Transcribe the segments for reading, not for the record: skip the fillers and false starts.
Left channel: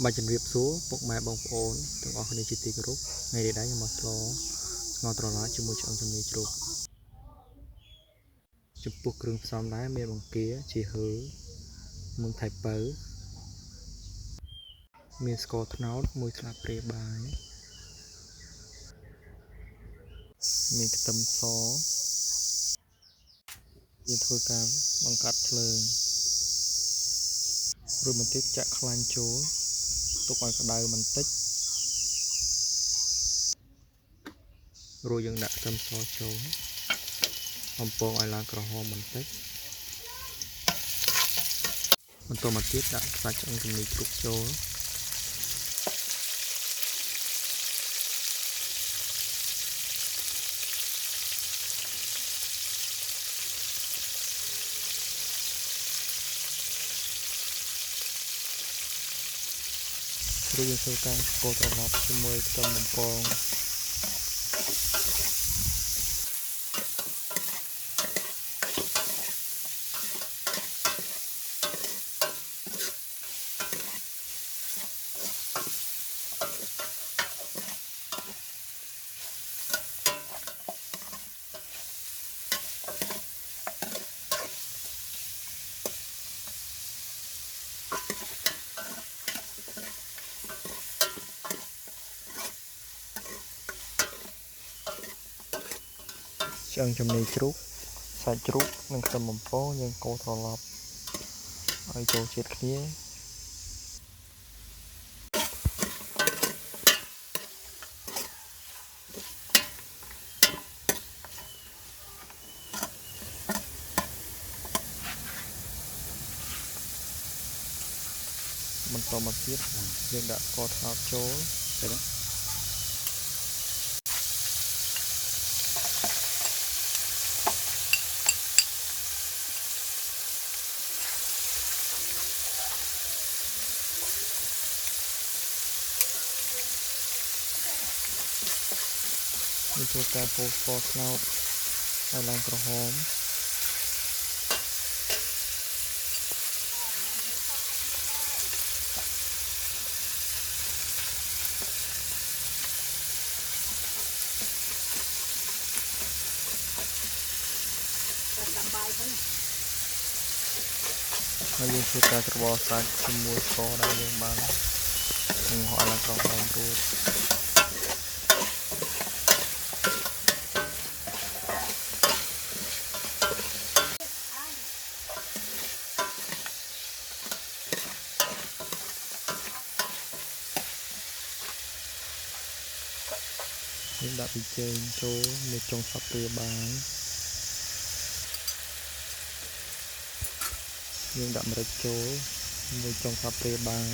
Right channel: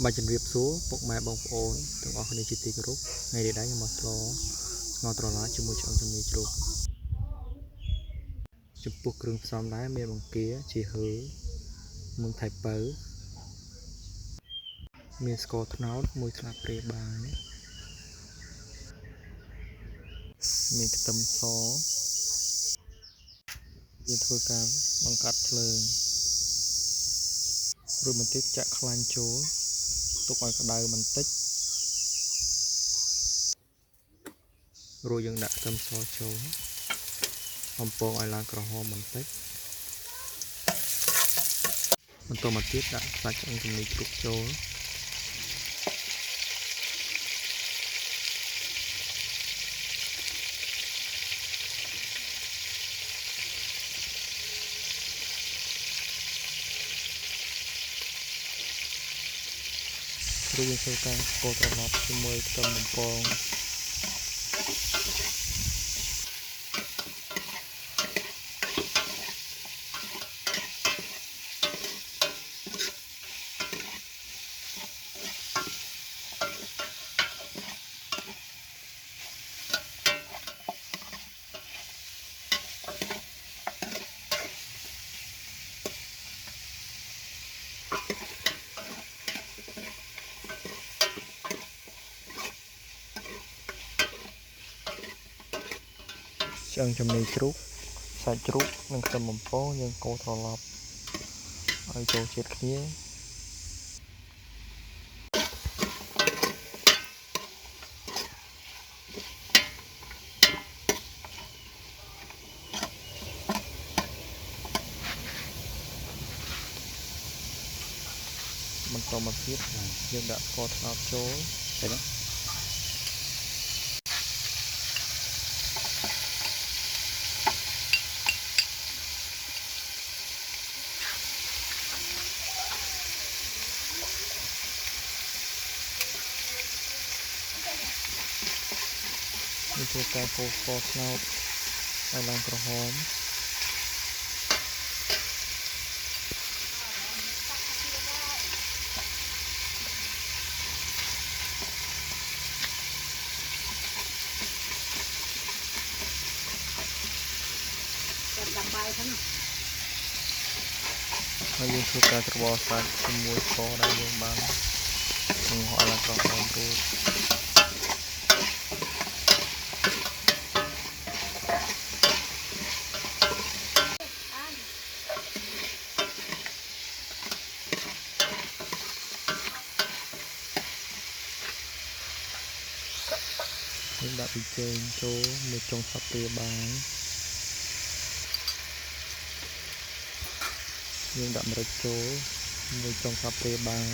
Bà chân riêng số bốc mai bông ổn từng ở nơi chi tiết group ngày để đá nhưng mà lo ngọt rồi lá chung một trong trong này group chụp buộc rừng xóm đá mê bằng kia chỉ hứa mừng thạch bớ miền scott nấu mùi slap pre bài miền tâm xó như thôi cả bằng cắt lơ rồi mình tiếp chặt khăn chố tục ngoài cái đời mình tích rồi dừng đặt tâm xó chố ông po ai là cờ ho mình tích mình tôi mà tiếp đặt sạch trong cái này trục chố rồi dừng sâu ca cô tao lọp cho môi tâm mình con chân trong này trúc sạch trúc nên tâm mình phố nhưng cô tao lọp ở chỗ chết kia mình to mà tiếp nhưng đã có tháp chỗ đấy đó mình cho ca cô for cloud ai làm cờ hómហើយយើងធ្វើការច្របល់សាច់ជាមួយស្ករដែលយើងបានបង្ហោះឡើងក្រហមរួចយើងដាក់ប៊ីចេងចូលនៅចុងសាប់ព្រាបាយយើងដាក់ម្រេចចូលនៅចុងសាប់ព្រាបាយ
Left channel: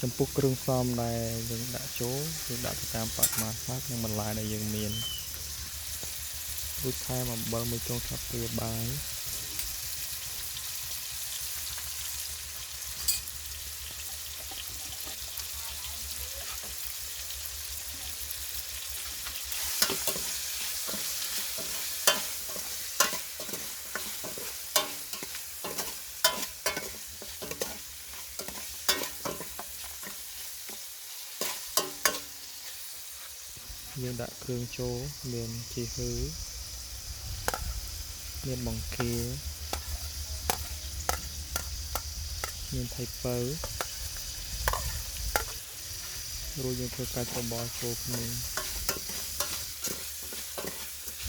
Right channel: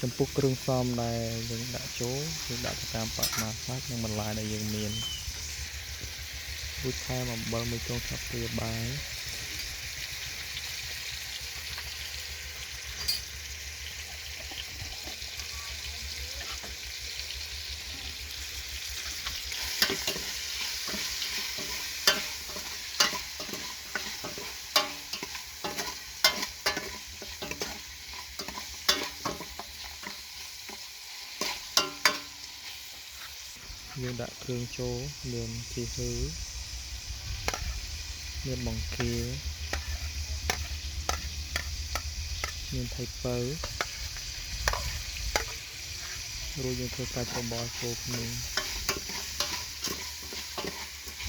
ចំពោះគ្រឿងផ្សំដែលយើងដាក់ចូលយើងដាក់ទៅតាមបរិមាណសាច់និងបន្លែដែលយើងមានរួចថែមអំបិលមួយចុងសាប់ព្រាបាយយើងដាក់គ្រឿងចូលមានជីហឺមានបង្គាមានថៃពៅរួចយើងធ្វើការច្របល់ចូលគ្នា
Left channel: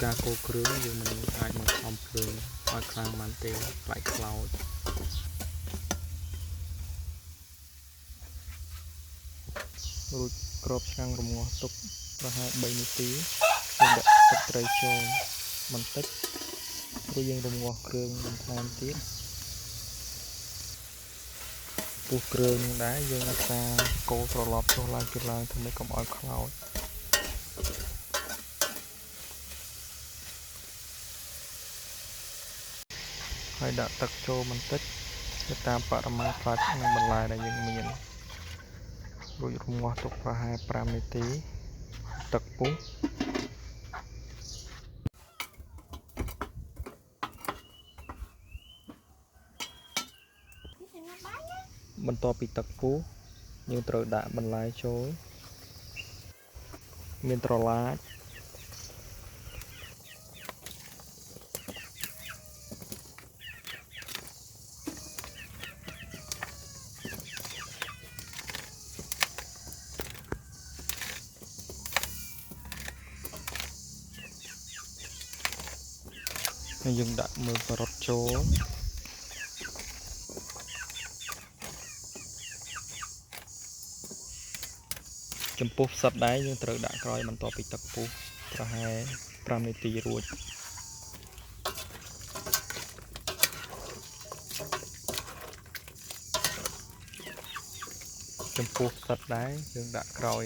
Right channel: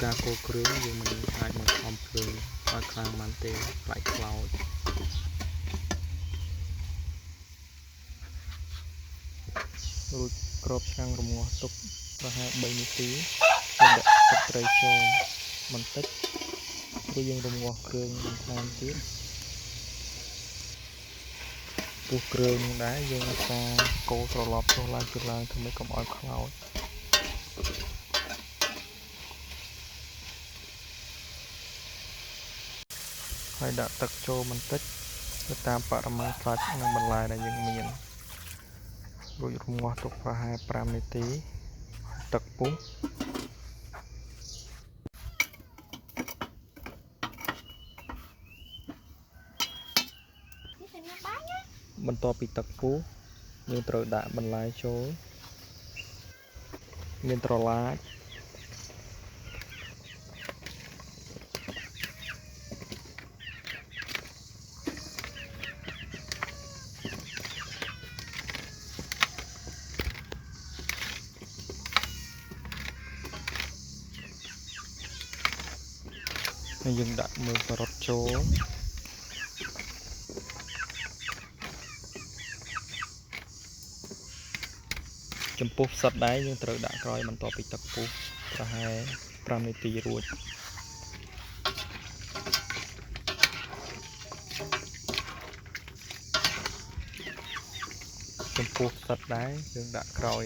ការកូរគ្រឿងយើងមិនអាចបង្ខំភ្លើងឲ្យខ្លាំងបានទេខ្លាចខ្លោចរួចគ្របឆ្នាំងរំងាស់ទុកប្រហែល3នាទីយើងដាក់ទឹកត្រីចូលបន្តិចរួចយើងរំងាស់គ្រឿងបន្ថែមទៀតពុះគ្រឿងនឹងដែរយើងអាសាកូរត្រឡប់ចុះឡើងធ្វើម៉េចកុំឲ្យខ្លោចហើយដាក់ទឹកចូលបន្តិចទៅតាមបរិមាណសាច់និងបន្លែដែលយើងមានរួចរំងាស់ទុកប្រហែល5នាទី ទឹកពុះបន្ទាប់ពីទឹកពុះយើងត្រូវដាក់បន្លែចូលមានត្រឡាចហើយយើងដាក់មើមការ៉ុតចូលចំពោះផ្សិតដែរយើងត្រូវដាក់ក្រោយបន្ទាប់ពីទឹកពុះប្រហែល5នាទីរួចចំពោះផ្សិតដែរយើងដាក់ក្រោយ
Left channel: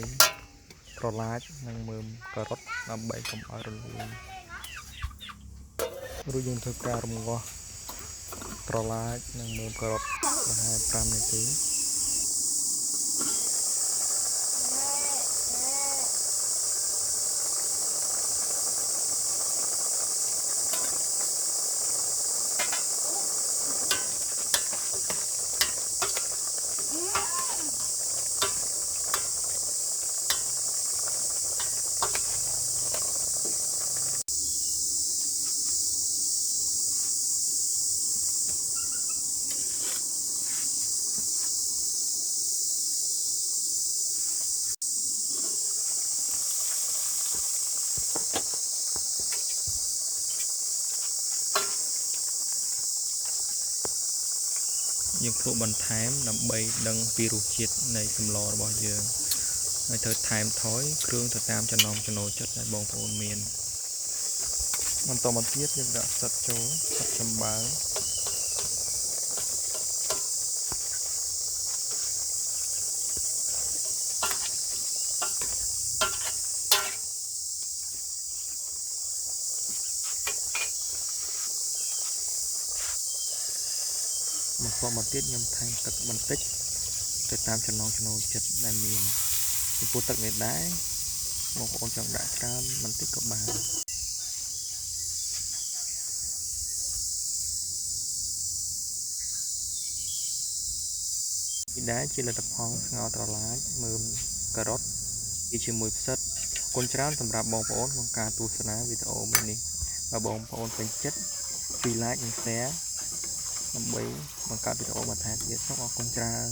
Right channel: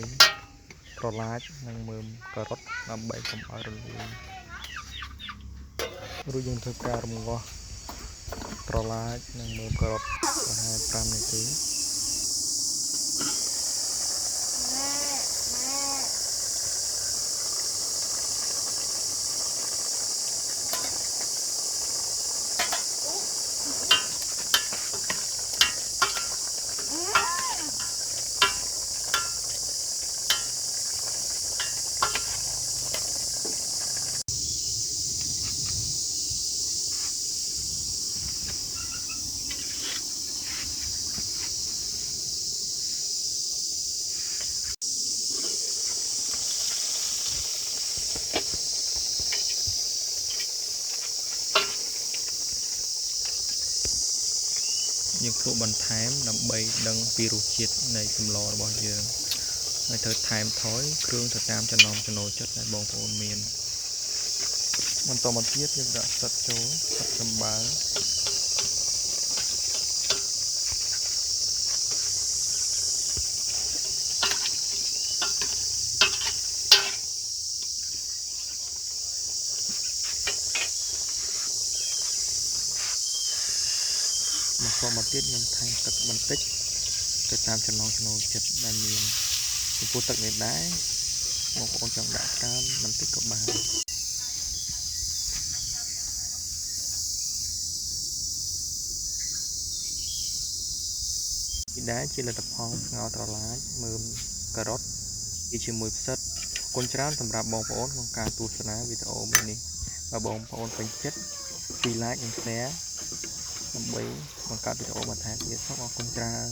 ត្រឡាចនិងមើមការ៉ុតដើម្បីកុំឲ្យរលួយរួចយើងធ្វើការរំងាស់ត្រឡាចនិងមើមការ៉ុតប្រហែល5នាទីយើងភ្លក្សបន្ថែមដើម្បីដឹងពីរសជាតិនៃសម្លរបស់យើងហើយត្រូវថែមថយគ្រឿងទៅតាមចំណង់ចំណូលចិត្តដែលបងប្អូនមានបន្តមកទៀតយើងដាក់ផ្សិតចូលផ្សិតចំបើបន្តមកទៀតខ្ញុំថែមទឹកបន្តិចទៅតាមចំណង់ចំណូលចិត្តដែលមានចំពោះទឹកនេះដែរបងប្អូនចង់ដាក់ច្រើនបន្តិចក៏បាននេះដែរជាលទ្ធផលស្ងោរត្រឡាចមើមការ៉ុតជាមួយផ្សិតគុណច្រើនសម្រាប់បងប្អូនក្នុងការទស្សនាវីដេអូមួយនេះបើបងប្អូនពេញចិត្តជួយ like និង share ដើម្បីបង្កើតវីដេអូបន្ថែមទៀតសូមអរគុណច្រើន